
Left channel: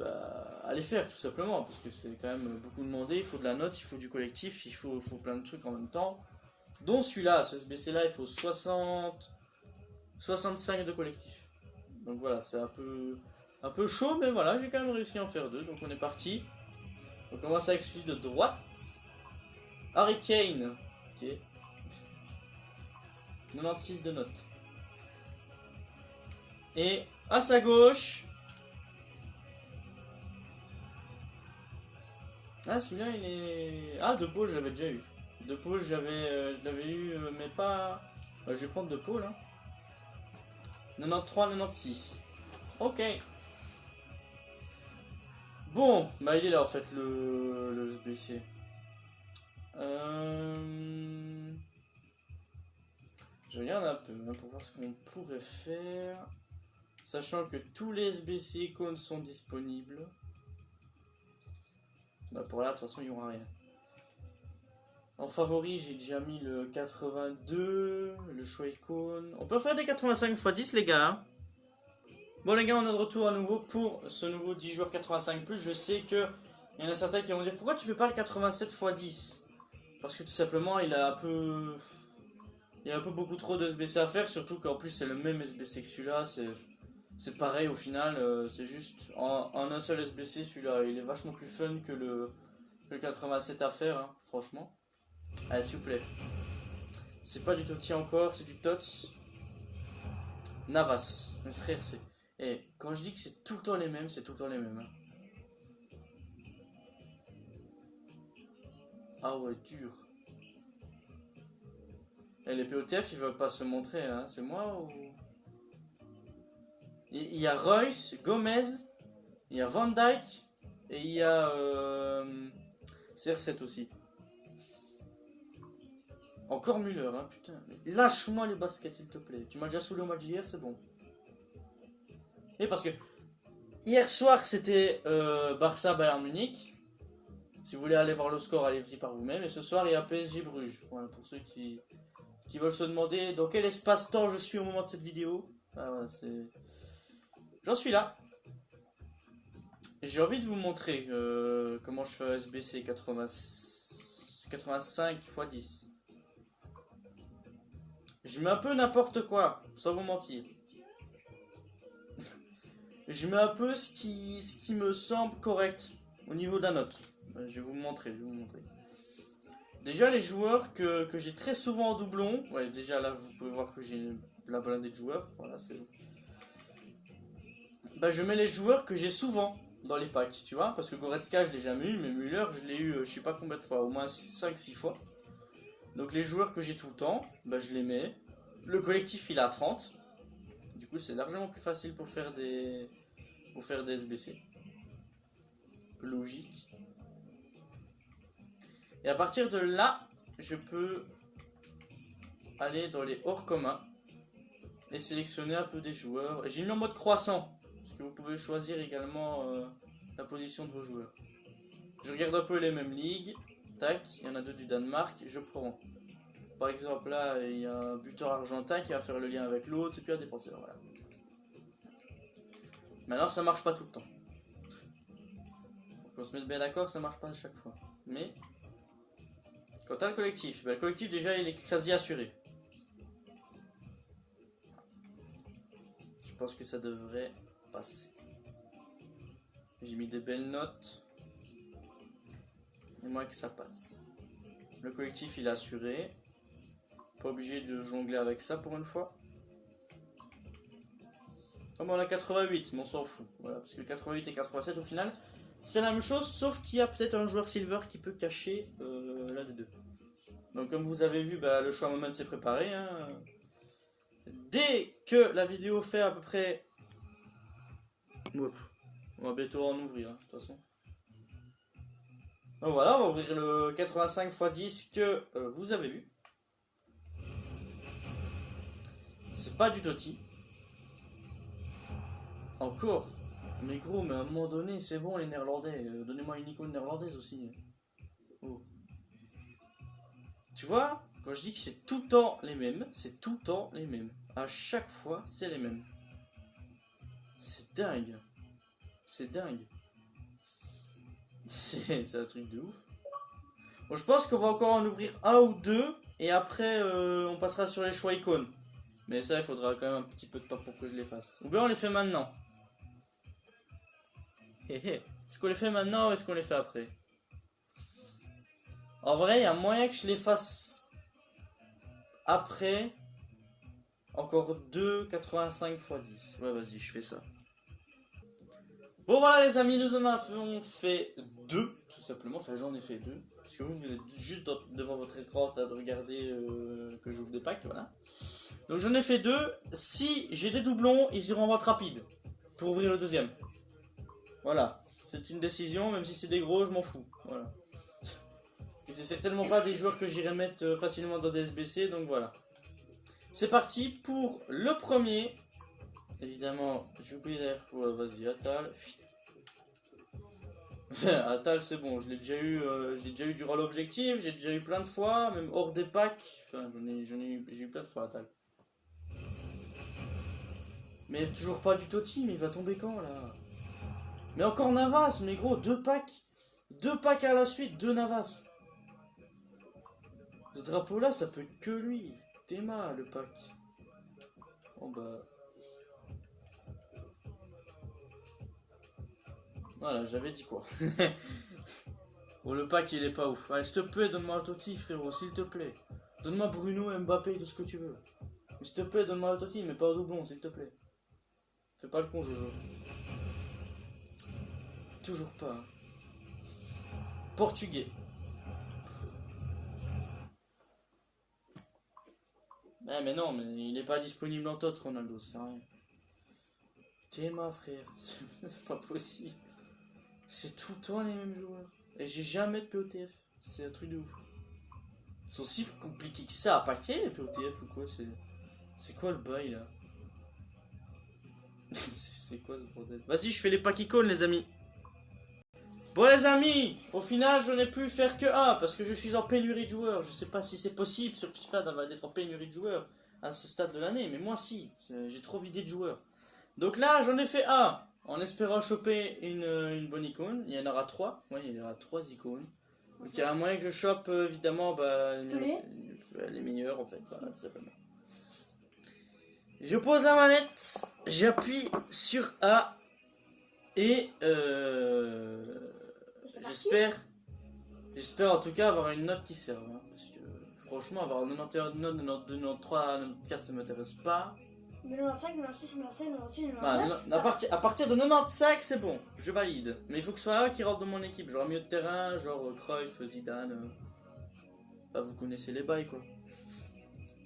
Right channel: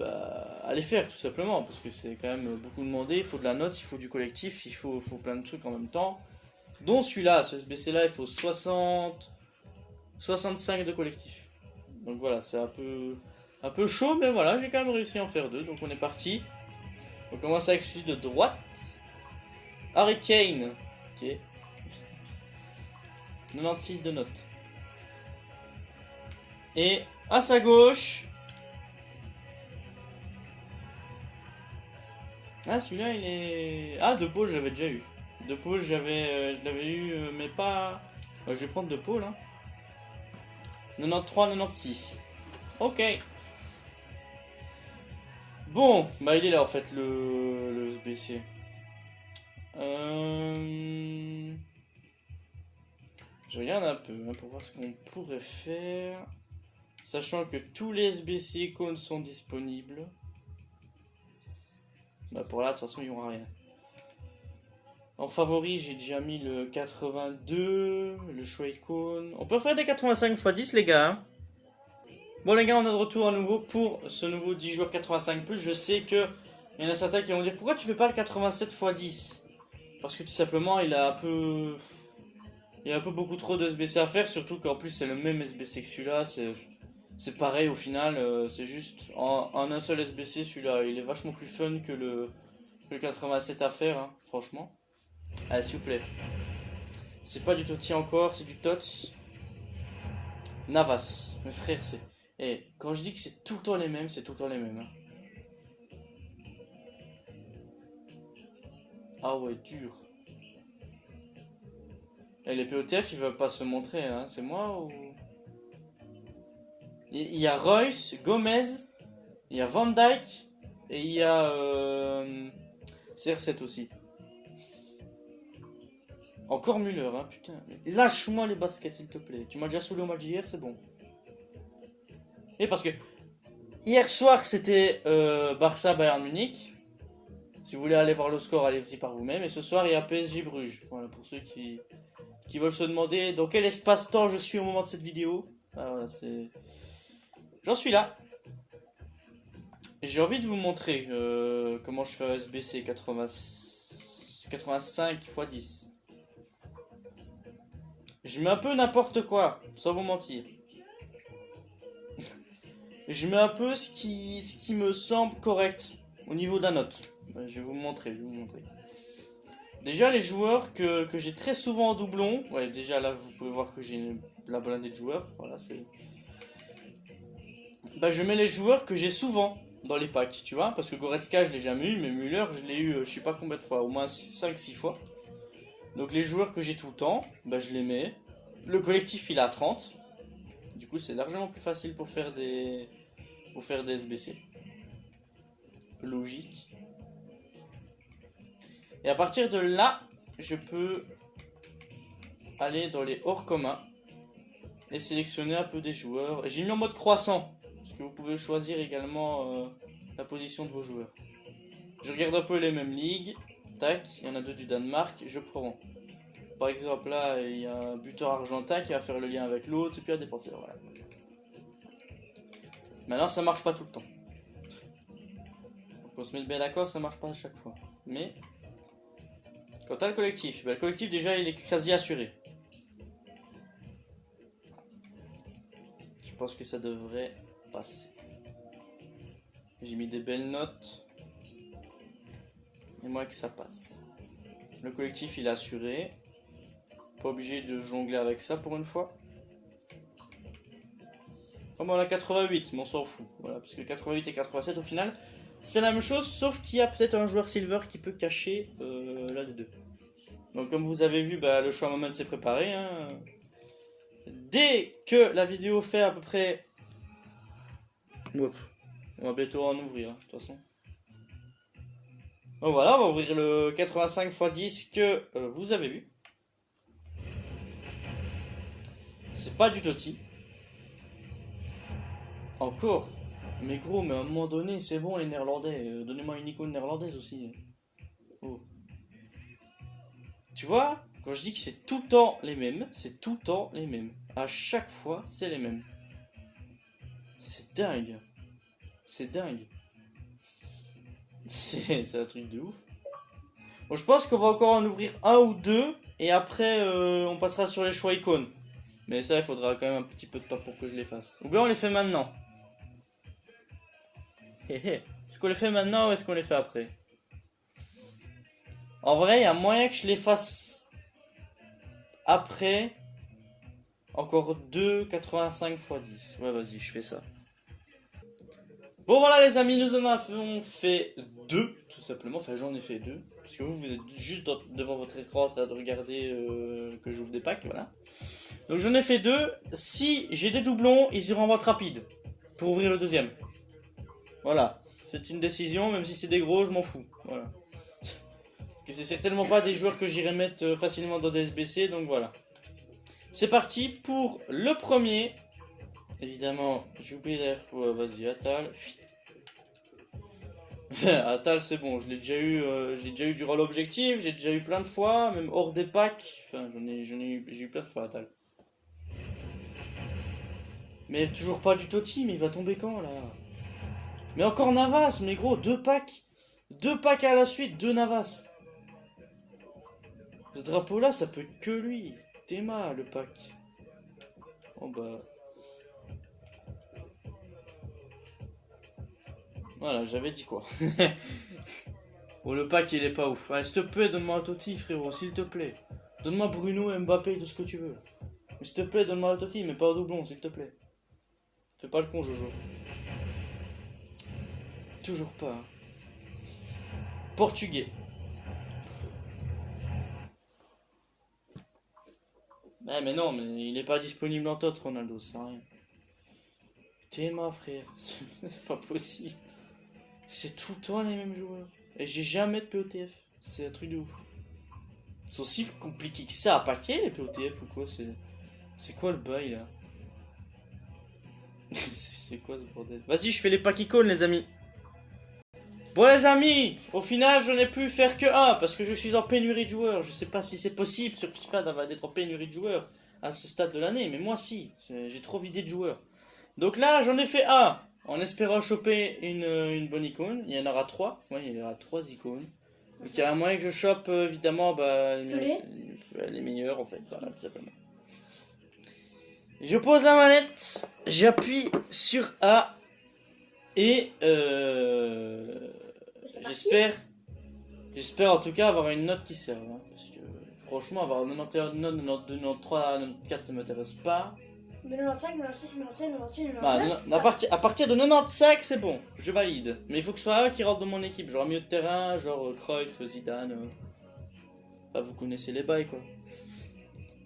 à les faire tout simplement. Parce que c'est quand même beaucoup demandé. Il faut de la note, il faut du collectif, il faut plein de trucs en même temps. Dont celui-là, ce SBC là, il faut 65 de collectif. Donc voilà, c'est un peu chaud, mais voilà, j'ai quand même réussi à en faire 2. Donc on est parti. On commence avec celui de droite. Harry Kane. Ok. 96 de notes. Et à sa gauche. Ah, celui-là, il est... Ah, De Paul, j'avais déjà eu. De Paul, je l'avais eu, mais pas... Ouais, je vais prendre De Paul, hein. 93, 96. Ok. Bon, bah il est là en fait, le SBC. Je regarde un peu hein, pour voir ce qu'on pourrait faire. Sachant que tous les SBC icônes sont disponibles. Bah pour là, de toute façon, il n'y aura rien. En favori, j'ai déjà mis le 82, le choix icône. On peut faire des 85 x 10, les gars. Hein. Bon, les gars, on est de retour à nouveau pour ce nouveau 10 joueurs 85+. Je sais que il y en a certains qui vont dire pourquoi tu fais pas le 87 x 10 ? Parce que tout simplement, il y a un peu beaucoup trop de SBC à faire. Surtout qu'en plus, c'est le même SBC que celui-là. C'est pareil au final. C'est juste en un seul SBC, celui-là, il est vachement plus fun que le 87 à faire, hein, franchement. Allez, s'il vous plaît. C'est pas du Totti encore, c'est du Tots. Navas. Mes frères, c'est... Et quand je dis que c'est tout le temps les mêmes, c'est tout le temps les mêmes. Hein. Ah ouais, dur. Et les POTF, ils veulent pas se montrer, hein. C'est moi ou... Il y a Royce, Gomez, il y a Van Dijk et il y a CR7 aussi. Encore Müller, hein, putain. Lâche-moi les baskets, s'il te plaît. Tu m'as déjà saoulé au match d'hier, c'est bon. Et parce que hier soir, c'était Barça-Bayern Munich. Si vous voulez aller voir le score, allez-y par vous-même. Et ce soir, il y a PSG-Bruges. Voilà, pour ceux qui veulent se demander dans quel espace-temps je suis au moment de cette vidéo. Ah, voilà, c'est... J'en suis là. J'ai envie de vous montrer comment je fais un SBC 85 x 10. Je mets un peu n'importe quoi, sans vous mentir. Je mets un peu ce qui me semble correct au niveau de la note. Je vais vous montrer, Déjà les joueurs que j'ai très souvent en doublon. Ouais, déjà là vous pouvez voir que j'ai la blindée de joueurs. Voilà, c'est... Bah, je mets les joueurs que j'ai souvent dans les packs, tu vois, parce que Goretzka je l'ai jamais eu, mais Müller je l'ai eu je sais pas combien de fois, au moins 5-6 fois. Donc les joueurs que j'ai tout le temps, bah je les mets. Le collectif il est à 30. Du coup c'est largement plus facile pour faire des SBC. Logique. Et à partir de là, je peux aller dans les hors communs et sélectionner un peu des joueurs. J'ai mis en mode croissant. Que vous pouvez choisir également la position de vos joueurs. Je regarde un peu les mêmes ligues. Tac, il y en a 2 du Danemark, je prends. Par exemple là, il y a un buteur argentin qui va faire le lien avec l'autre, et puis un défenseur, voilà. Maintenant ça marche pas tout le temps. Donc on se met bien d'accord, ça marche pas à chaque fois. Mais, quant à le collectif, le collectif déjà il est quasi assuré. Je pense que ça devrait... passer. J'ai mis des belles notes. Et moi que ça passe. Le collectif il est assuré. Pas obligé de jongler avec ça pour une fois. Oh, on a 88, mais on s'en fout. Voilà, parce que 88 et 87 au final, c'est la même chose, sauf qu'il y a peut-être un joueur silver qui peut cacher l'un des deux. Donc comme vous avez vu, bah, le choix moment s'est préparé. Hein. Dès que la vidéo fait à peu près... Hop. On va bientôt en ouvrir, de toute façon. Donc voilà, on va ouvrir le 85 x 10 que vous avez vu. C'est pas du Totti. Encore. Mais gros, mais à un moment donné, c'est bon les néerlandais. Donnez-moi une icône néerlandaise aussi. Oh. Tu vois, quand je dis que c'est tout le temps les mêmes, c'est tout le temps les mêmes. À chaque fois, c'est les mêmes. C'est dingue. C'est dingue. C'est un truc de ouf. Bon, je pense qu'on va encore en ouvrir un ou deux. Et après, on passera sur les choix icônes. Mais ça, il faudra quand même un petit peu de temps pour que je les fasse. Ou bien on les fait maintenant. Est-ce qu'on les fait maintenant ou est-ce qu'on les fait après? En vrai, il y a moyen que je les fasse après. Encore 2 85 x 10. Ouais, vas-y, je fais ça. Bon, voilà, les amis, nous en avons fait 2, tout simplement. Enfin, j'en ai fait 2. Parce que vous êtes juste devant votre écran en train de regarder que j'ouvre des packs, voilà. Donc, j'en ai fait 2. Si j'ai des doublons, ils iront en vente rapide pour ouvrir le deuxième. Voilà. C'est une décision, même si c'est des gros, je m'en fous. Voilà. Parce que c'est certainement pas des joueurs que j'irai mettre facilement dans des SBC, donc voilà. C'est parti pour le premier. Évidemment, j'ai oublié d'ailleurs. Ouais, vas-y, Atal. Atal, c'est bon, je l'ai déjà eu durant l'objectif, j'ai déjà eu plein de fois, même hors des packs. Enfin, j'ai eu plein de fois Atal. Mais toujours pas du Totti, mais il va tomber quand là? Mais encore Navas, mais gros, 2 packs. 2 packs à la suite, 2 Navas. Ce drapeau là, ça peut être que lui. Théma, le pack. Oh bah. Voilà, j'avais dit quoi. Oh, le pack il est pas ouf. Allez, s'il te plaît, donne-moi un Totti, frérot, s'il te plaît. Donne-moi Bruno, Mbappé, tout ce que tu veux. Mais s'il te plaît, donne-moi un Totti, mais pas au doublon, s'il te plaît. Fais pas le con, Jojo. Toujours pas. Hein. Portugais. Mais non, mais il est pas disponible en tot, Ronaldo, c'est rien. T'es ma frère, c'est pas possible. C'est tout le temps les mêmes joueurs. Et j'ai jamais de POTF. C'est un truc de ouf. Ils sont si compliqués que ça à paquer les POTF ou quoi? C'est quoi le bail là? C'est quoi ce bordel? Vas-y, je fais les pack icônes les amis. Bon les amis, au final je n'ai pu faire que un parce que je suis en pénurie de joueurs. Je sais pas si c'est possible sur FIFA d'être en pénurie de joueurs à ce stade de l'année, mais moi si, j'ai trop vidé de joueurs. Donc là j'en ai fait un en espérant choper une bonne icône. Il y en aura 3, oui il y aura 3 icônes. Donc il y a un moyen que je chope évidemment les meilleurs en fait, voilà tout simplement. Je pose la manette, j'appuie sur A et j'espère en tout cas avoir une note qui serve. Hein, parce que franchement, avoir 91 notes, 92, 93, 94, ça m'intéresse pas. Mais 95, 96, 97, 98, 99. À partir de 95, c'est bon, je valide. Mais il faut que ce soit un qui rentre dans mon équipe. Genre milieu de terrain, genre Cruyff, Zidane. Bah, vous connaissez les bails quoi.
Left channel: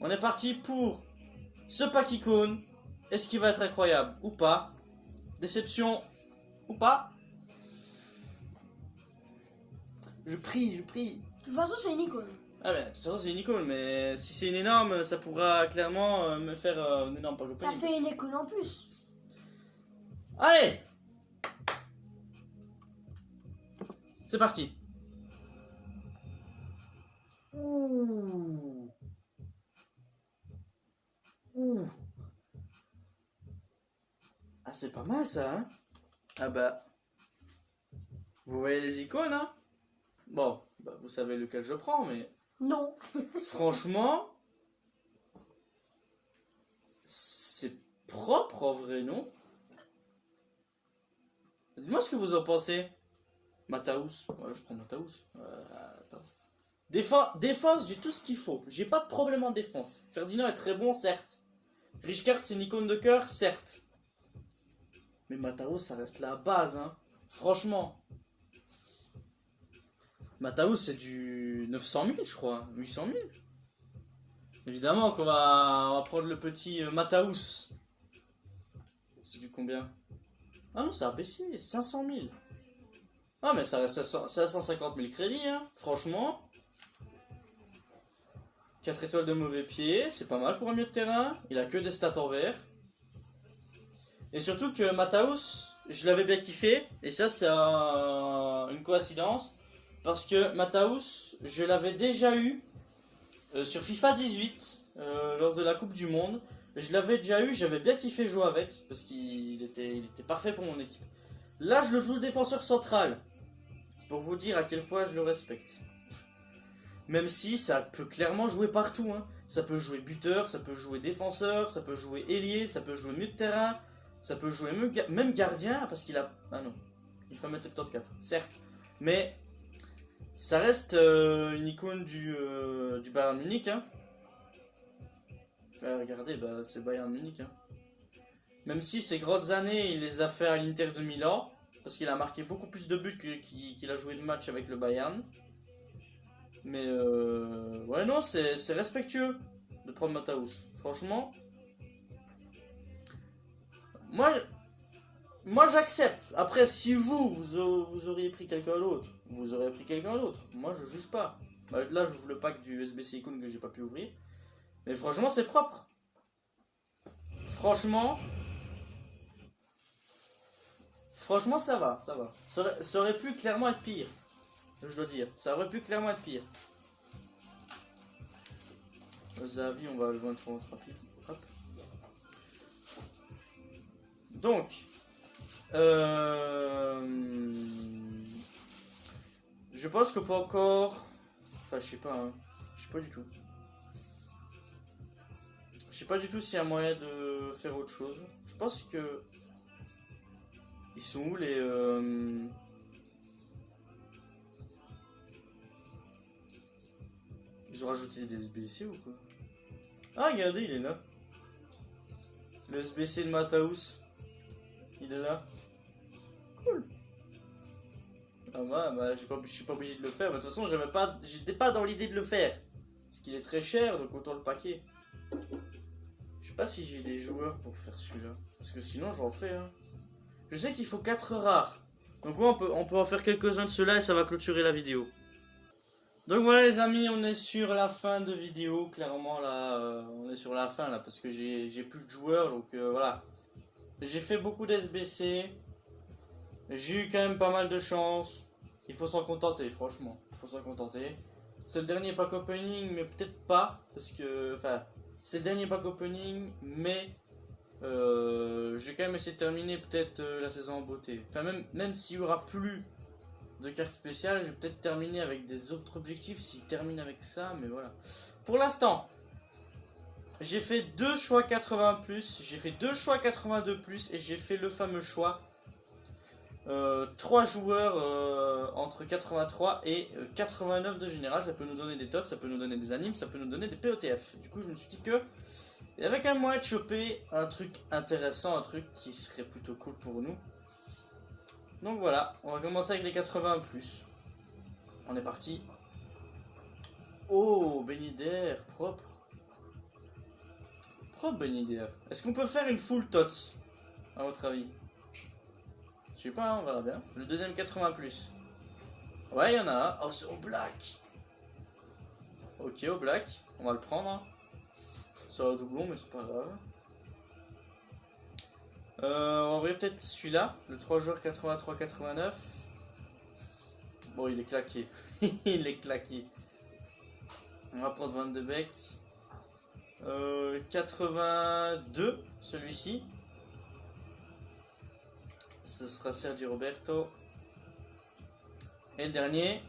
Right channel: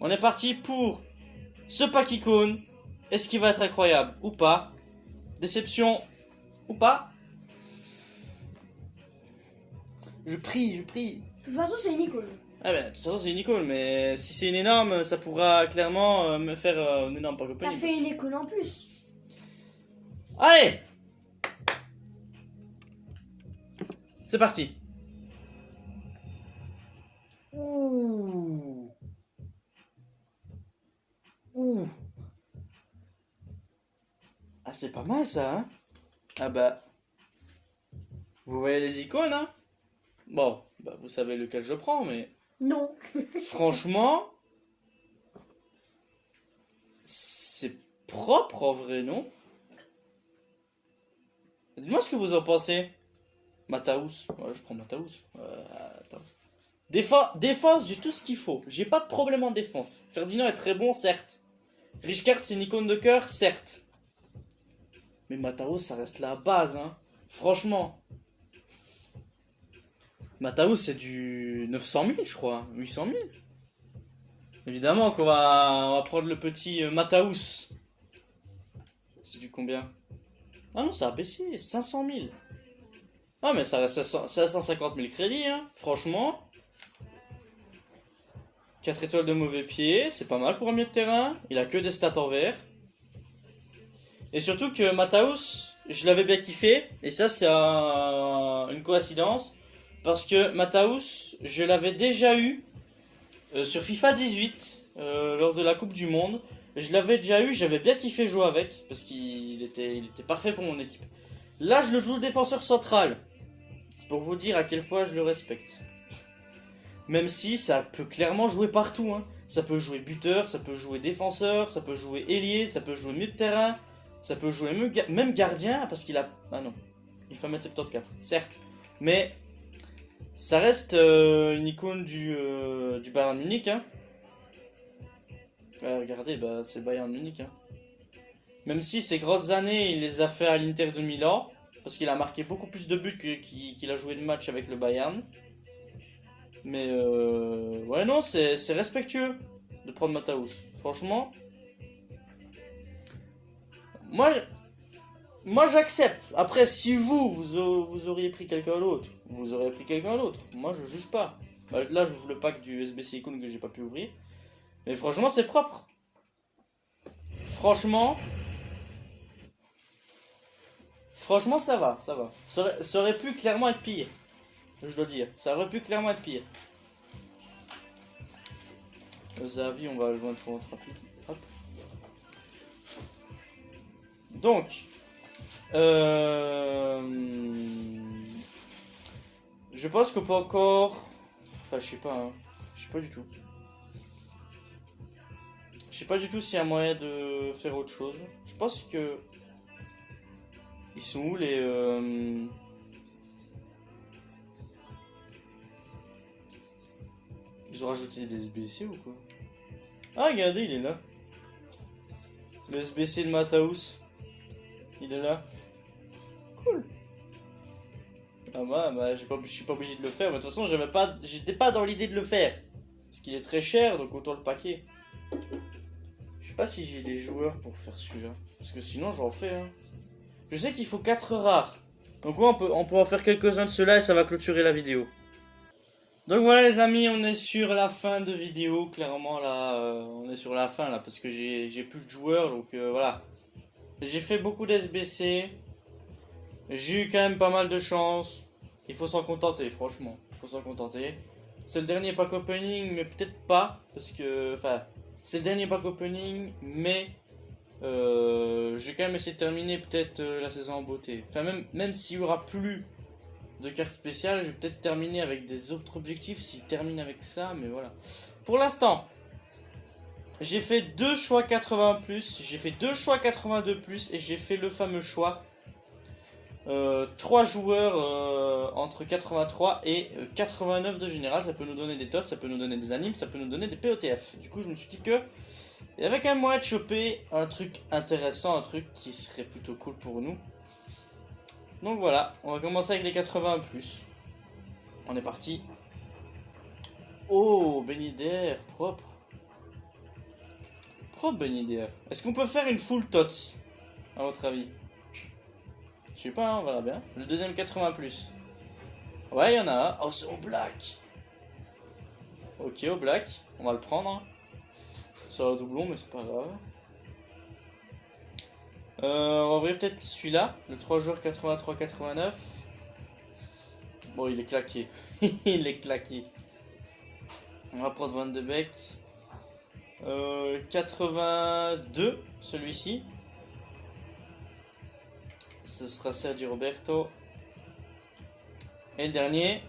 On est parti pour ce pack icône. Est-ce qu'il va être incroyable ou pas? Déception ou pas? Je prie. De toute façon, c'est une icône. Ah ben, de toute façon c'est une icône, mais si c'est une énorme, ça pourra clairement me faire une énorme pack opening. Ça fait une icône en plus. Allez! C'est parti. Ouh. Ah c'est pas mal ça, hein? Ah bah... Vous voyez les icônes, hein? Bon, bah vous savez lequel je prends, mais... Non. Franchement... C'est propre en vrai, non? Dites-moi ce que vous en pensez. Mataus. Ouais, je prends Mataus. Attends. Défense, j'ai tout ce qu'il faut. J'ai pas de problème en défense. Ferdinand est très bon, certes. Rijkaard, c'est une icône de cœur, certes. Mais Mataus, ça reste la base, hein. Franchement. Mataus, c'est du 900 000, je crois. 800 000. Évidemment qu'on va prendre le petit Mataus. C'est du combien? Ah non, ça a baissé. 500 000. Ah, mais ça reste à 150 000 crédits, hein. Franchement. 4 étoiles de mauvais pied. C'est pas mal pour un milieu de terrain. Il a que des stats en vert. Et surtout que Mataus, je l'avais bien kiffé. Et ça, c'est une coïncidence. Parce que Mataus, je l'avais déjà eu sur FIFA 18 lors de la Coupe du Monde. Je l'avais déjà eu, j'avais bien kiffé jouer avec. Parce qu'il était parfait pour mon équipe. Là, je le joue le défenseur central. C'est pour vous dire à quel point je le respecte. Même si ça peut clairement jouer partout. Hein. Ça peut jouer buteur, ça peut jouer défenseur, ça peut jouer ailier, ça peut jouer milieu de terrain. Ça peut jouer même gardien parce qu'il a... Ah non, il fait 1m74, certes. Mais ça reste une icône du Bayern Munich. Hein. Regardez, bah, c'est Bayern Munich. Hein. Même si ces grandes années, il les a fait à l'Inter de Milan. Parce qu'il a marqué beaucoup plus de buts qu'il a joué de matchs avec le Bayern. Mais ouais, non, c'est respectueux de prendre Mataus. Franchement... Moi j'accepte. Après, si vous auriez pris quelqu'un d'autre, vous auriez pris quelqu'un d'autre. Moi je juge pas. Bah, là j'ouvre le pack du SBC Icon que j'ai pas pu ouvrir. Mais franchement c'est propre. Franchement ça va. Ça aurait pu clairement être pire. Je dois dire. Ça aurait pu clairement être pire. Zavi, on va le mettre pour votre rapide. Hop. Donc, je pense que pas encore. Enfin, je sais pas, hein. Je sais pas du tout. Je sais pas du tout s'il y a moyen de faire autre chose. Je pense que. Ils sont où les. Ils ont rajouté des SBC ou quoi? Ah, regardez, il est là. Le SBC de Mataus. Il est là. Cool. Ah bah je suis pas obligé de le faire. Mais de toute façon, j'étais pas dans l'idée de le faire. Parce qu'il est très cher, donc autant le paquer. Je sais pas si j'ai des joueurs pour faire celui-là. Parce que sinon, j'en fais. Hein. Je sais qu'il faut 4 rares. Donc ouais, on peut en faire quelques-uns de ceux-là et ça va clôturer la vidéo. Donc voilà les amis, on est sur la fin de vidéo. Clairement là, on est sur la fin là parce que j'ai plus de joueurs. Donc voilà. J'ai fait beaucoup d'SBC. J'ai eu quand même pas mal de chance. Il faut s'en contenter, franchement. Il faut s'en contenter. C'est le dernier pack opening, mais peut-être pas. Parce que, enfin, c'est le dernier pack opening, mais j'ai quand même essayé de terminer peut-être la saison en beauté. Enfin, même s'il y aura plus de cartes spéciales, je vais peut-être terminer avec des autres objectifs. S'il termine avec ça, mais voilà. Pour l'instant, j'ai fait 2 choix 80+, j'ai fait 2 choix 82+, et j'ai fait le fameux choix 3 joueurs entre 83 et 89 de général. Ça peut nous donner des tots, ça peut nous donner des animes, ça peut nous donner des POTF. Du coup je me suis dit que il y avait quand même moyen de choper un truc intéressant, un truc qui serait plutôt cool pour nous. Donc voilà, on va commencer avec les 81+. On est parti. Oh, Béni d'air, propre. Propre Béni d'air. Est-ce qu'on peut faire une full tots, à votre avis? Je sais pas, on verra bien. Le deuxième 80+. Ouais, il y en a un. Oh, c'est au black. Ok, au black. On va le prendre. Ça va doublon, mais c'est pas grave. On va ouvrir peut-être celui-là. Le 3 joueurs 83-89. Bon, il est claqué. Il est claqué. On va prendre Van de Beek. 82, celui-ci. Ce sera Sergio Roberto. Et le dernier,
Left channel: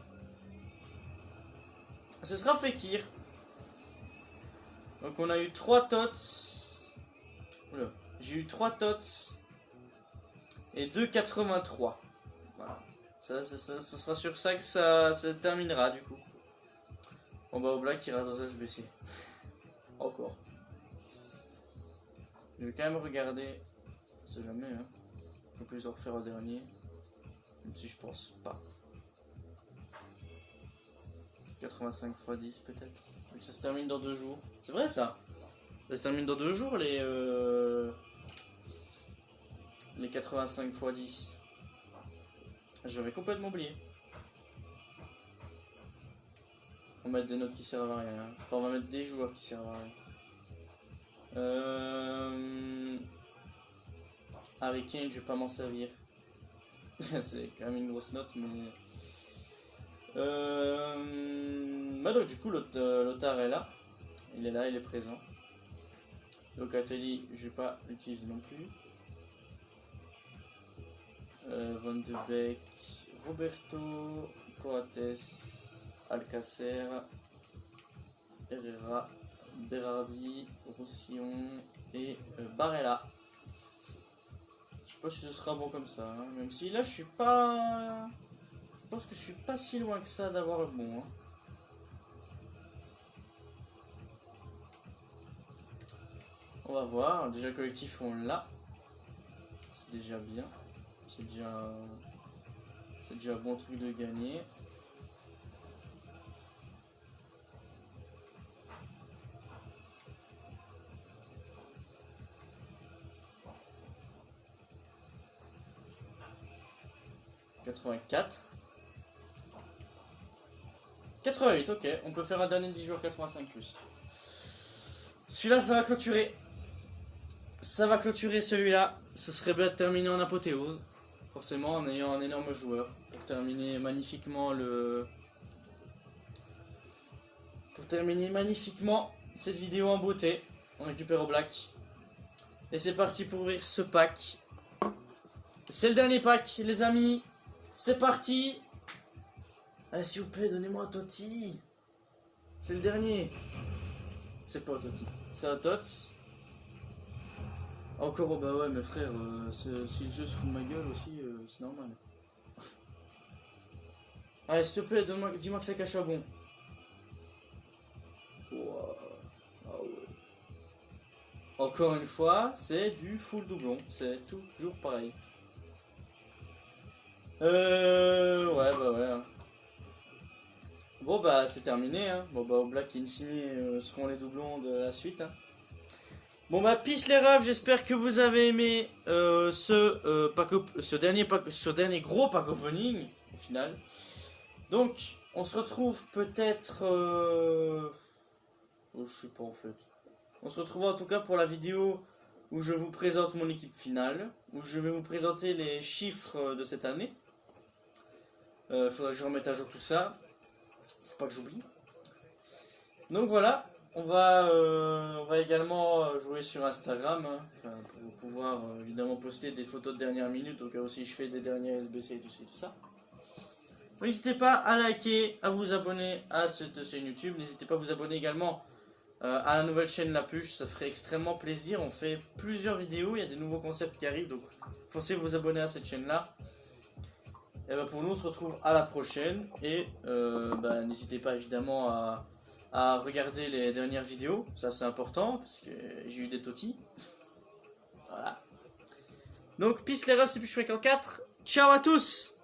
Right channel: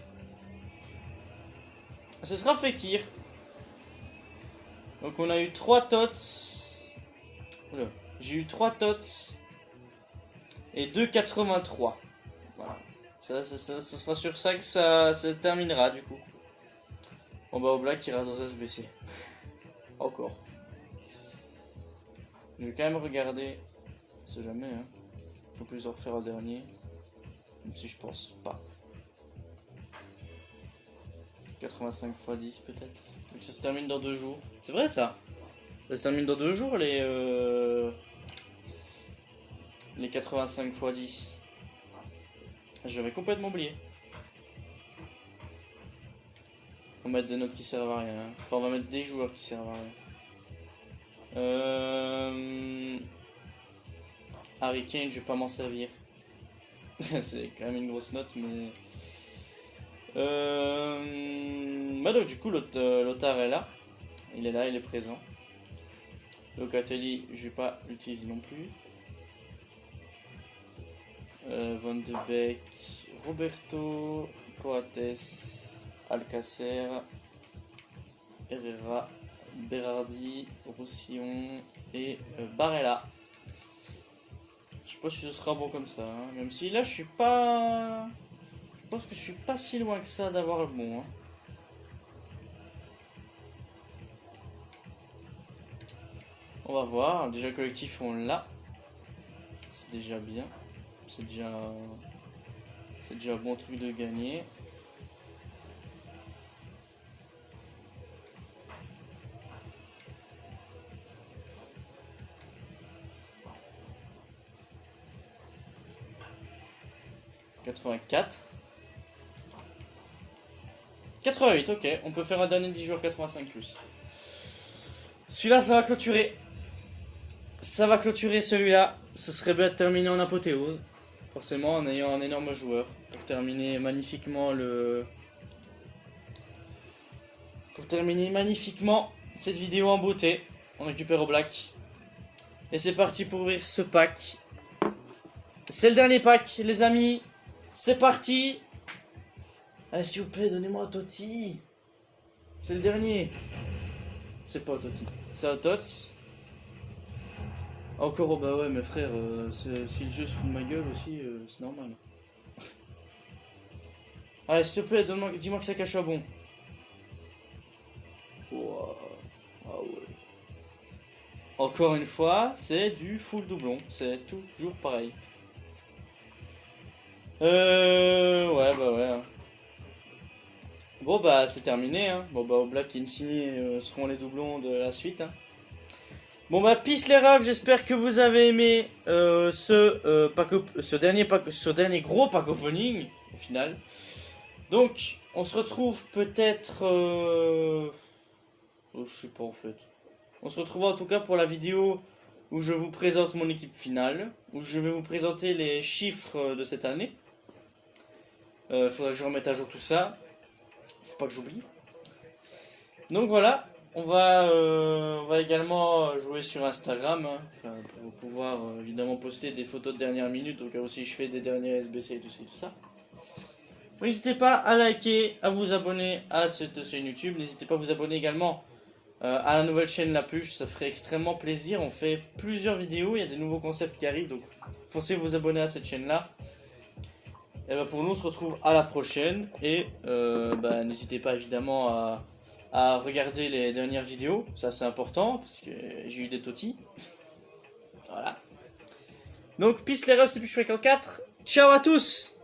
ce sera Fekir. Donc on a eu 3 tots. Oula. J'ai eu 3 tots. Et 2,83. Voilà. Ce sera sur ça que ça se terminera du coup. On va au black qui reste dans SBC. Encore. Je vais quand même regarder. On sait jamais hein. On peut les en refaire au dernier. Même si je pense pas. 85 x 10 peut-être. Donc ça se termine dans 2 jours. C'est vrai ça. Ça se termine dans 2 jours les 85 x 10. J'avais complètement oublié. On va mettre des notes qui servent à rien. Enfin on va mettre des joueurs qui servent à rien. Harry Kane, je vais pas m'en servir. C'est quand même une grosse note, mais... Bah donc du coup, Lothar est là. Il est là, il est présent. Locatelli, je vais pas l'utiliser non plus. Van de Beek, Roberto, Coates, Alcacer, Herrera, Berardi, Roussillon et Barella. Je sais pas si ce sera bon comme ça, hein. Même si là je suis pas... Je pense que je suis pas si loin que ça d'avoir le bon. Hein. On va voir, déjà le collectif on l'a. C'est déjà bien. C'est déjà un bon truc de gagner. « 84. 88, ok. On peut faire un dernier 10 joueurs 85+. Celui-là, ça va clôturer. Ça va clôturer celui-là. Ce serait bien de terminer en apothéose. Forcément, en ayant un énorme joueur. Pour terminer magnifiquement cette vidéo en beauté. On récupère au black. Et c'est parti pour ouvrir ce pack. C'est le dernier pack, les amis. C'est parti. Allez, s'il vous plaît, donnez-moi un Totti. C'est le dernier. C'est pas un Totti. C'est un Tots. Encore, oh bah ouais, mes frères, si le jeu se fout de ma gueule aussi, c'est normal. Allez, s'il te plaît, dis-moi que ça cache à bon. encore une fois, c'est du full doublon. C'est toujours pareil. Ouais, bah ouais. Bon, bah c'est terminé. Hein. Bon, bah Oblak et Insigne seront les doublons de la suite. Hein. Bon, bah peace les refs. J'espère que vous avez aimé ce dernier gros pack opening au final. Donc, on se retrouve peut-être... je sais pas en fait. On se retrouve en tout cas pour la vidéo où je vous présente mon équipe finale, où je vais vous présenter les chiffres de cette année. Faudrait que je remette à jour tout ça. Faut pas que j'oublie. Donc voilà, on va également jouer sur Instagram, hein, pour pouvoir évidemment poster des photos de dernière minute, au cas où si je fais des derniers SBC et tout ça. N'hésitez pas à liker, à vous abonner à cette chaîne YouTube. N'hésitez pas à vous abonner également à la nouvelle chaîne La Pluche, ça ferait extrêmement plaisir. On fait plusieurs vidéos, il y a des nouveaux concepts qui arrivent, donc foncez vous abonner à cette chaîne là. Et bah pour nous on se retrouve à la prochaine. Et n'hésitez pas évidemment à regarder les dernières vidéos, ça c'est important parce que j'ai eu des totis. Voilà. Donc peace les refs, c'est Pluche 4. Ciao à tous.